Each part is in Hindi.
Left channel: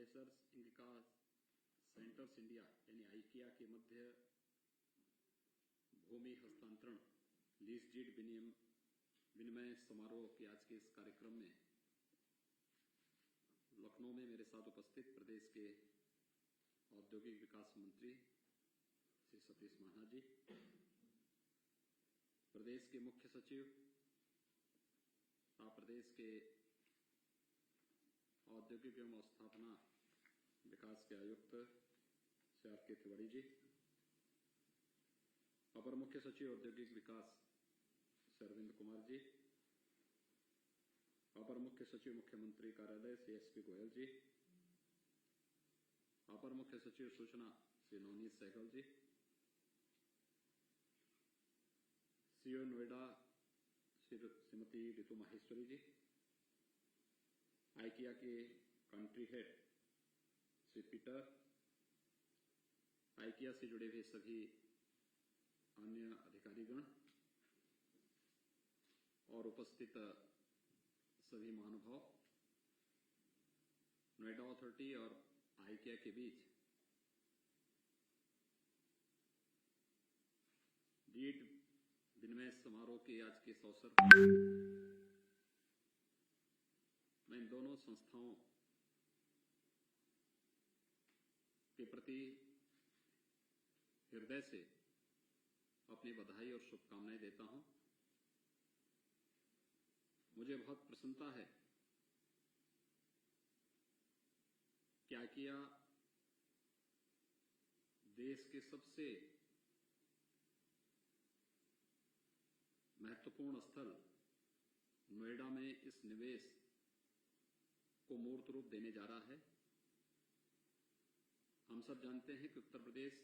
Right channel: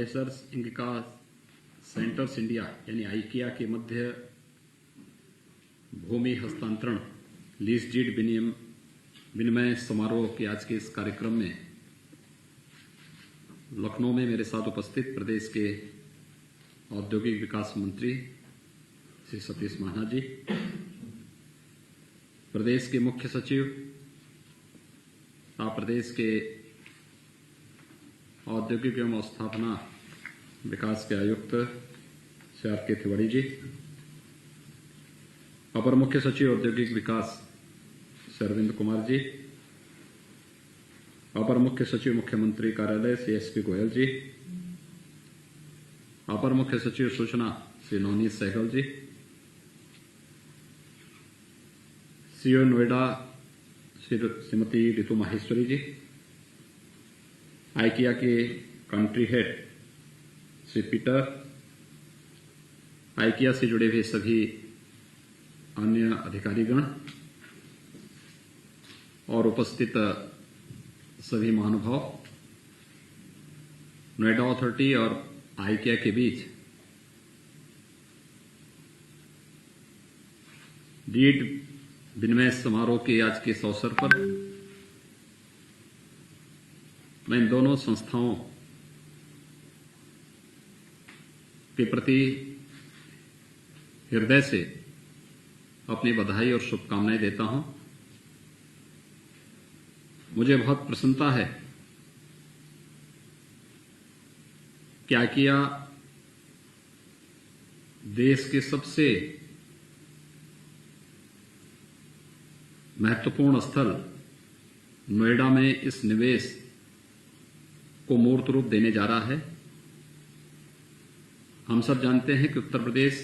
मेसर्स इंगिका सेंटर्स इंडिया यानी आइकिया के मध्य भूमि हस्तांतरण लीज डीड विनिमय समारोह के आज के इस कार्यक्रम में लखनऊ में मेरे साथ उपस्थित प्रदेश के औद्योगिक विकास मंत्री श्री सतीश महाना जी, प्रदेश के मुख्य सचिव तथा प्रदेश के औद्योगिक एवं स्थापना विकास के आयुक्त श्री आर के तिवारी जी, अपर मुख्य सचिव औद्योगिक विकास श्री अरविंद कुमार जी, अपर मुख्य सचिव मुख्यमंत्री कार्यालय श्री एसपी गोयल जी, अपर मुख्य सचिव सूचना श्री नवनीत सहगल जी, सीओ नोएडा श्रीमती रितु माहेश्वरी जी, आइकिया के country head Shri Peter, IKEA से जुड़े हुए सभी अन्य अधिकारीगण और उपस्थित सभी महानुभाव, नोएडा अथॉरिटी और आइकिया के बीच डीड विनिमय समारोह के आज के इस अवसर पर मैं इन दोनों संस्थाओं के प्रति हृदय से अपनी बधाई और शुभकामनाएं देता हूं। मुझे बहुत प्रसन्नता है कि आइकिया देश के सबसे महत्वपूर्ण स्थल नोएडा में इस निवेश को मूर्त रूप देने जा रहा है। हम सब जानते हैं कि उत्तर प्रदेश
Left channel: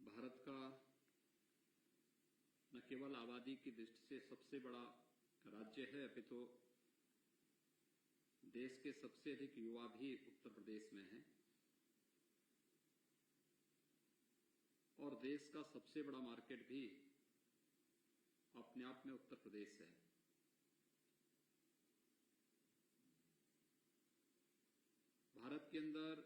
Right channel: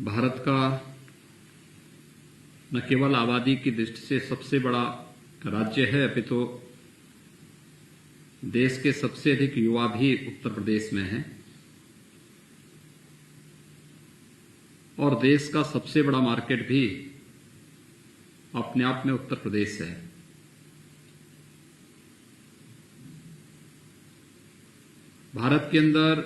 भारत का न केवल आबादी की दृष्टि से सबसे बड़ा राज्य है, अपितु देश के सबसे अधिक युवा भी उत्तर प्रदेश में हैं और देश का सबसे बड़ा मार्केट भी अपने आप में उत्तर प्रदेश है। भारत के अंदर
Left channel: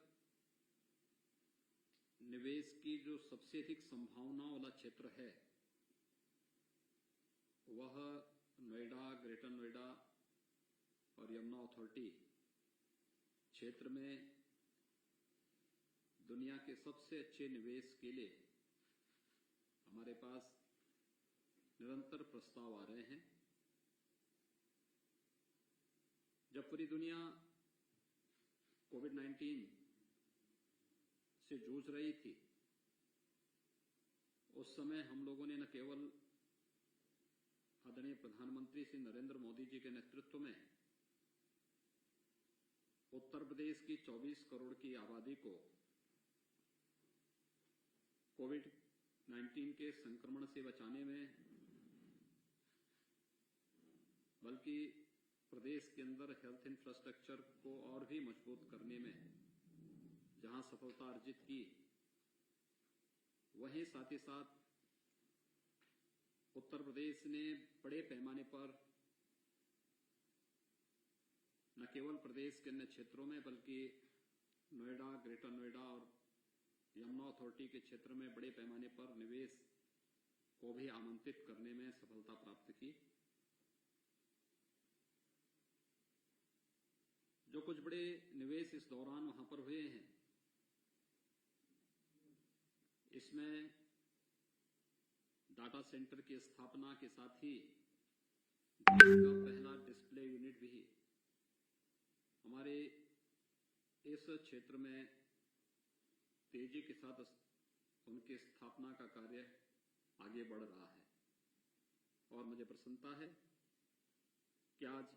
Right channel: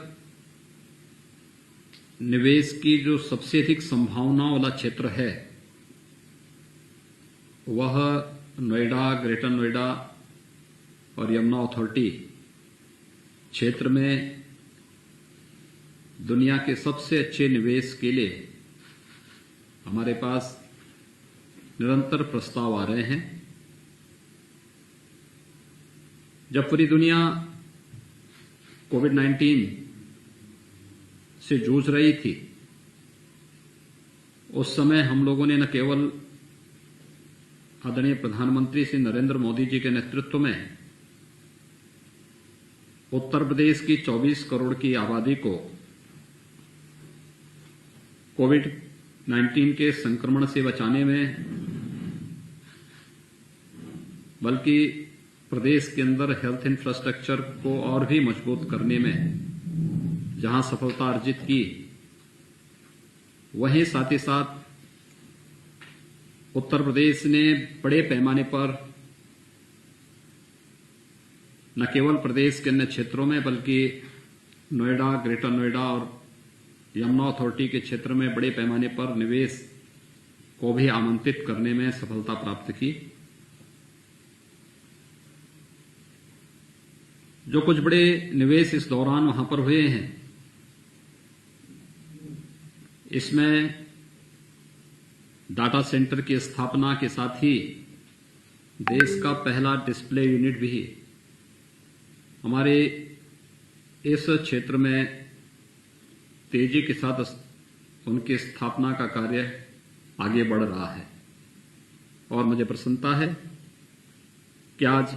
निवेश की जो सबसे अधिक संभावना वाला क्षेत्र है वह नोएडा, ग्रेटर नोएडा और यमुना अथॉरिटी क्षेत्र में दुनिया के सबसे अच्छे निवेश के लिए हमारे पास निरंतर प्रस्ताव आ रहे हैं। जब पूरी दुनिया कोविड-19 से जूझ रही थी, उस समय हम लोगों ने न केवल आदरणीय प्रधानमंत्री श्री नरेंद्र मोदी जी के नेतृत्व में उत्तर प्रदेश की 24 करोड़ की आबादी को कोविड-19 के संक्रमण से बचाने में, बल्कि प्रदेश के अंदर हेल्थ इंफ्रास्ट्रक्चर को और भी मजबूत करने में जहां सफलता अर्जित की, वहीं साथ ही साथ उत्तर प्रदेश ने बड़े पैमाने पर न केवल प्रदेश के अन्य क्षेत्रों में बल्कि नोएडा, ग्रेटर नोएडा और यमुना अथॉरिटी के क्षेत्र में बड़े पैमाने पर निवेश को भी आमंत्रित करने में सफलता प्राप्त की। जो कुछ बड़े निवेश इस दौरान वहां पर हुए हैं, इसमें डाटा सेंटर की स्थापना के साथ ही देश का पहला डिस्प्ले यूनिट भी हमारे इस क्षेत्र में तेजी के साथ उनकी स्थापना का कार्य आगे बढ़ रहा है। और मुझे प्रसन्नता है कि आज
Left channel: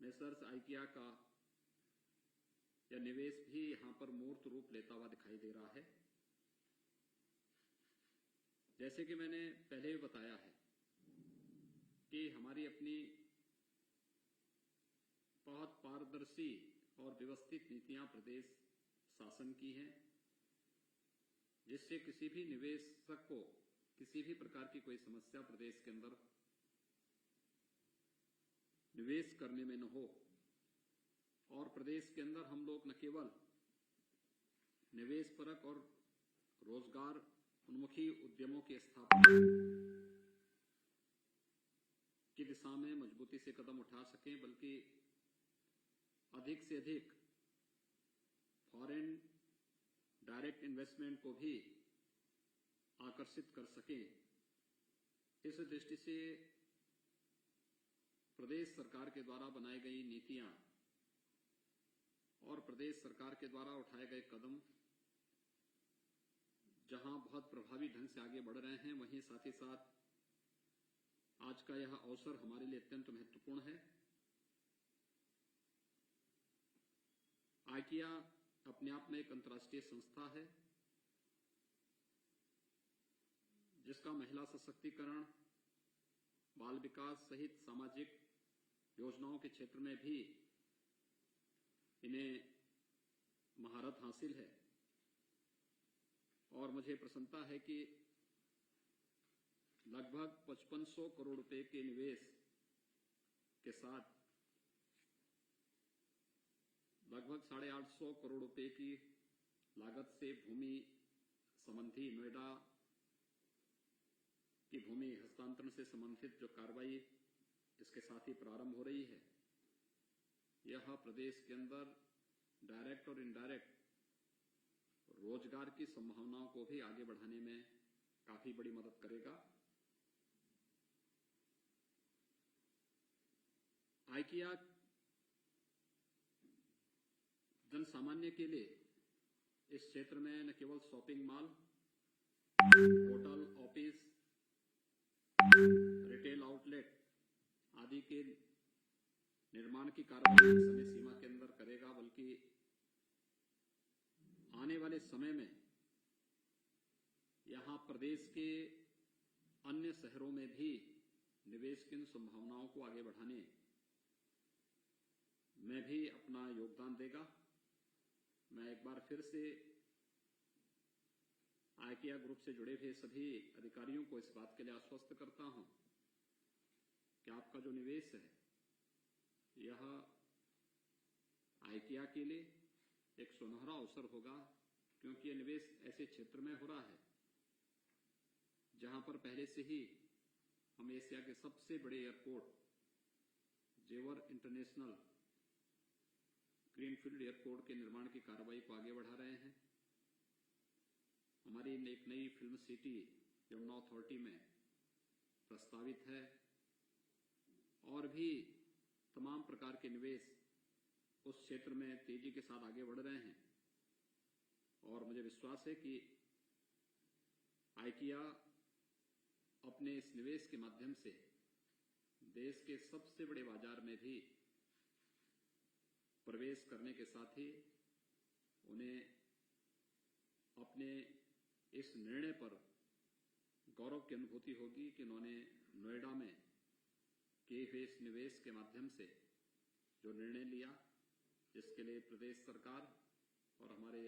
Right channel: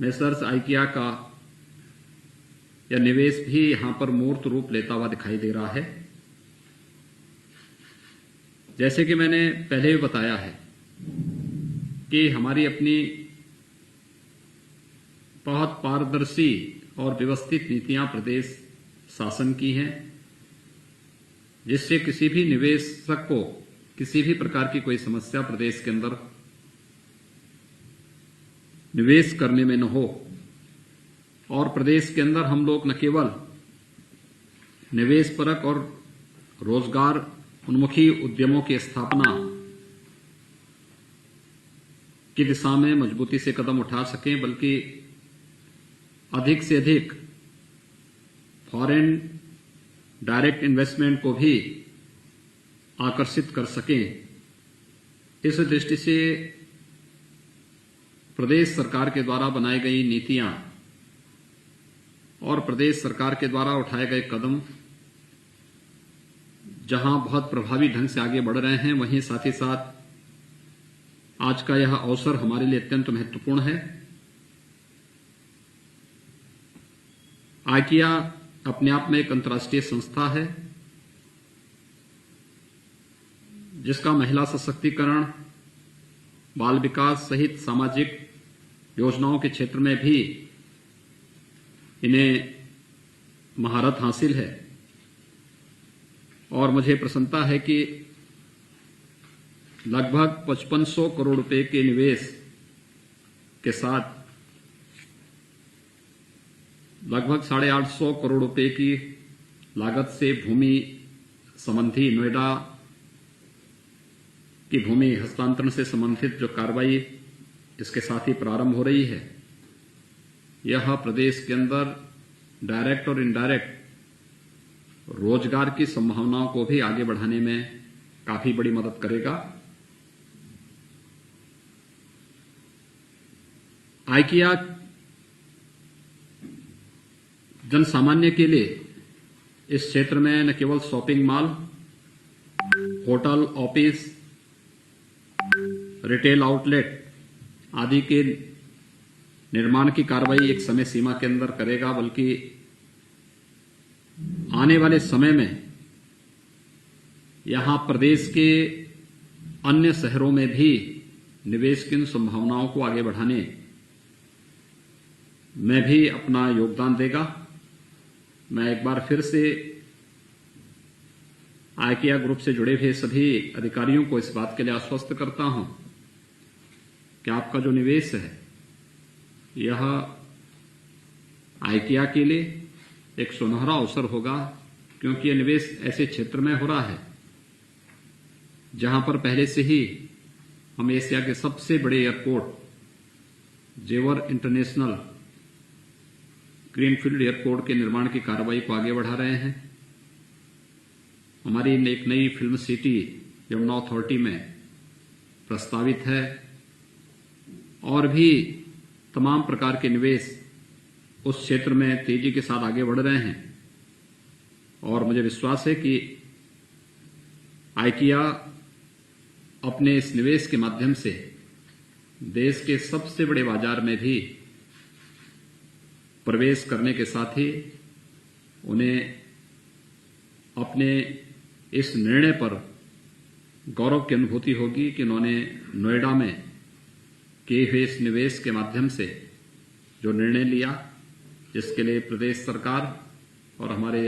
मेसर्स आइकिया का यह निवेश भी यहां पर मूर्त रूप लेता हुआ दिखाई दे रहा है। जैसे कि मैंने पहले भी बताया है कि हमारी अपनी बहुत पारदर्शी और व्यवस्थित नीतियां प्रदेश शासन की हैं, जिससे किसी भी निवेशक को किसी भी प्रकार की कोई समस्या प्रदेश के अंदर निवेश करने में न हो। और प्रदेश के अंदर हम लोग न केवल निवेश परक और रोजगार उन्मुखी उद्यमों की स्थापना की दिशा में मजबूती से कदम उठा सकें, बल्कि अधिक से अधिक फॉरेन डायरेक्ट इन्वेस्टमेंट को भी आकर्षित कर सकें। इस दृष्टि से प्रदेश सरकार के द्वारा बनाई गई नीतियां और प्रदेश सरकार के द्वारा उठाए गए कदम जहां बहुत प्रभावी ढंग से आगे बढ़ रहे हैं, वहीं साथ ही साथ आज का यह अवसर हमारे लिए अत्यंत महत्वपूर्ण है। आइकिया अपने आप में एक अंतर्राष्ट्रीय संस्था है जिसका महिला सशक्तिकरण, बाल विकास सहित सामाजिक योजनाओं के क्षेत्र में भी इन्हें महारत हासिल है। और मुझे प्रसन्नता है कि लगभग 5500 करोड़ रुपए के निवेश के साथ लगभग 850 करोड़ रुपए की लागत से भूमि संबंधी नोएडा की भूमि हस्तांतरण से संबंधित जो कार्रवाई इसके साथ ही प्रारंभ हो रही है, यह प्रदेश के अंदर डायरेक्ट और इनडायरेक्ट रोजगार की संभावनाओं को भी आगे बढ़ाने में काफी बड़ी मदद करेगा। आइकिया जन सामान्य के लिए इस क्षेत्र में न केवल shopping mall, hotel, office, retail outlet आदि के निर्माण की कार्रवाई एक समय सीमा के अंदर करेगा, बल्कि आने वाले समय में यहां प्रदेश के अन्य शहरों में भी निवेश की संभावनाओं को आगे बढ़ाने में भी अपना योगदान देगा। मैं एक बार फिर से आइकिया ग्रुप से जुड़े हुए सभी अधिकारियों को इस बात के लिए आश्वस्त करता हूं कि आपका जो निवेश है यह आइकिया के लिए एक सुनहरा अवसर होगा, क्योंकि यह निवेश ऐसे क्षेत्र में हो रहा है जहां पर पहले से ही हम एशिया के सबसे बड़े एयरपोर्ट जेवर इंटरनेशनल ग्रीनफील्ड एयरपोर्ट के निर्माण की कार्रवाई को आगे बढ़ा रहे हैं। हमारी एक नई फिल्म सिटी यमुना अथॉरिटी में प्रस्तावित है और भी तमाम प्रकार के निवेश उस क्षेत्र में तेजी के साथ आगे बढ़ रहे हैं। और मुझे विश्वास है कि आइकिया अपने इस निवेश के माध्यम से देश के सबसे बड़े बाजार में भी प्रवेश करने के साथ ही उन्हें अपने इस निर्णय पर गौरव की अनुभूति होगी कि उन्होंने नोएडा में किए हुए इस निवेश के माध्यम से जो निर्णय लिया, जिसके लिए प्रदेश सरकार और हमारे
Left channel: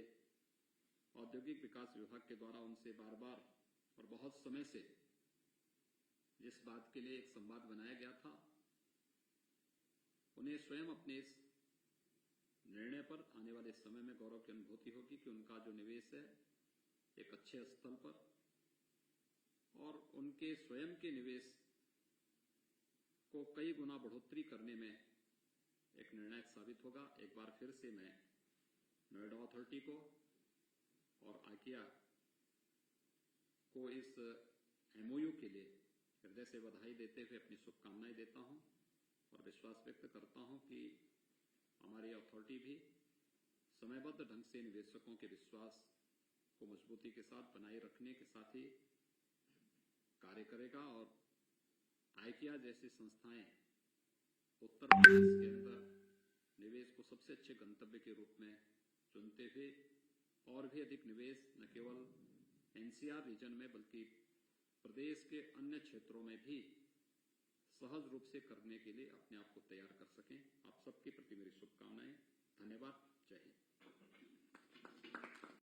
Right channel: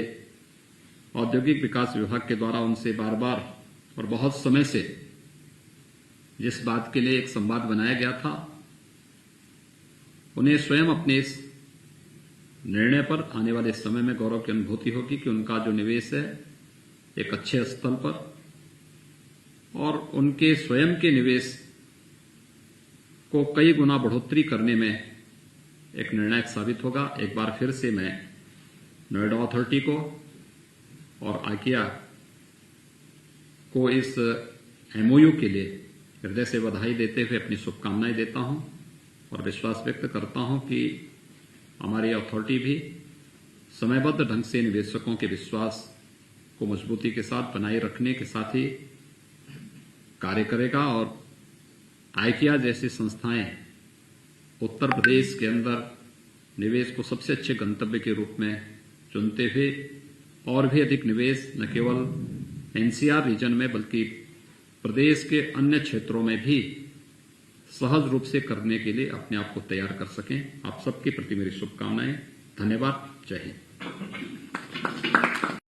औद्योगिक विकास विभाग के द्वारा उनसे बार बार और बहुत समय से जिस बात के लिए एक संवाद बनाया गया था, उन्हें स्वयं अपने इस निर्णय पर आने वाले समय में गौरव की अनुभूति होगी कि उनका जो निवेश है एक अच्छे स्थल पर और उनके स्वयं के निवेश को कई गुना बढ़ोतरी करने में एक निर्णायक साबित होगा। एक बार फिर से मैं नोएडा अथॉरिटी को और आइकिया को इस एमओयू के लिए हृदय से बधाई देते हुए अपनी शुभकामनाएं देता हूं और विश्वास व्यक्त करता हूं कि हमारी अथॉरिटी भी समयबद्ध ढंग से निवेशकों के विश्वास को मजबूती के साथ बनाए रखने के साथ ही कार्य करेगा और आइकिया जैसी संस्थाएं उत्तर प्रदेश के अंदर निवेश को सबसे अच्छे गंतव्य के रूप में चुनते हुए और भी अधिक निवेश न केवल एनसीआर रीजन में बल्कि प्रदेश के अन्य क्षेत्रों में भी सहज रूप से करने के लिए अपने आप को तैयार कर सकें। आप सबके प्रति मेरी शुभकामनाएं। धन्यवाद। जय हिंद।